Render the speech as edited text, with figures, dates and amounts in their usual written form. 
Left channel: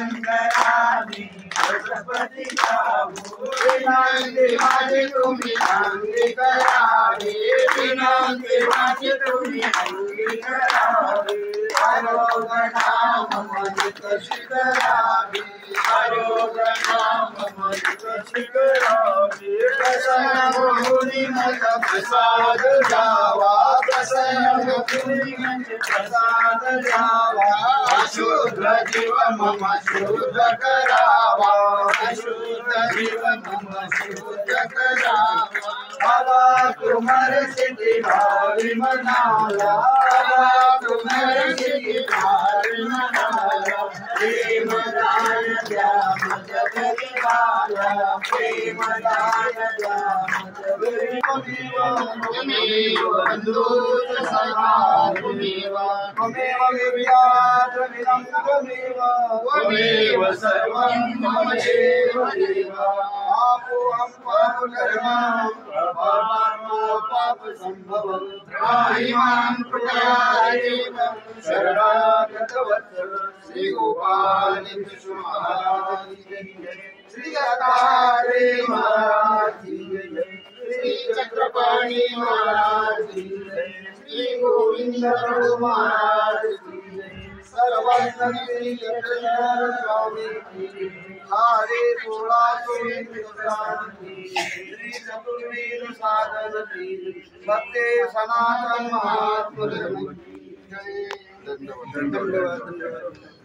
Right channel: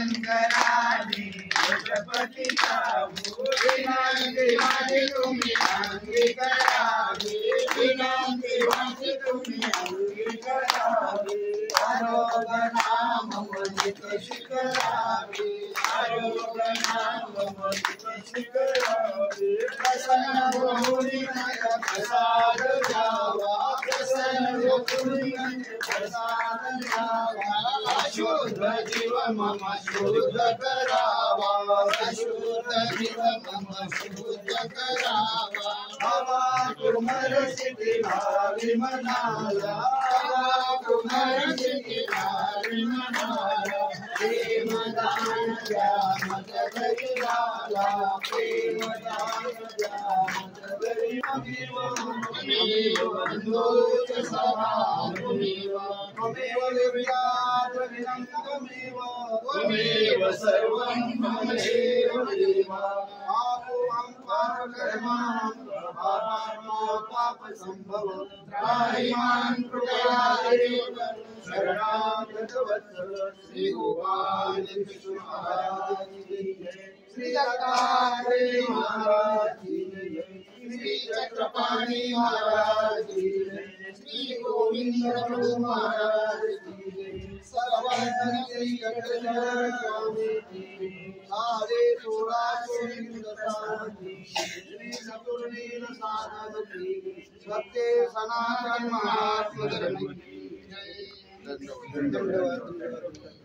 शंकराने गणपती गावो विनंती माझी तुम्ही अंगी करावी विनंती माझी तुम्ही अंगी करावी आरोग्यनाम मदित शिखरावी आरोग्यनाम मदित शिखरावी प्रसन्न मुनी मत प्रसाद जावा प्रसन्न मुनी मत प्रसाद जावा अशुद्ध जीव मम शुद्ध करावा अशुद्ध जीव मम शुद्ध करावा आवा कुमार सिद्धि भावी मनाला आवा कुमार सिद्धि भावी मनाला प्रेम दान द्या मत गरिबाला प्रेम दान द्या मत गरिबाला बंधुत सखा तुमेव त्वमेव विद्याद्रविणं त्वमेव त्वमेव सर्वं मम एव देव पापोऽहं पापकर्मां पाप संभवं त्राहि मां कृपया देव शरणागत वत्सल श्री गोपाल कृष्ण महाराज की जय श्री दत्तात्रेय महाराज की जय श्री चक्रपाणी महाराज की जय श्री गोविंद प्रभु महाराज की जय सर्वज्ञ चक्रधर स्वामी की हरे 1600 की श्री चतुर्वेद साधन की सत्य सनातन महात्मा धर्म की जय। धन्यवाद।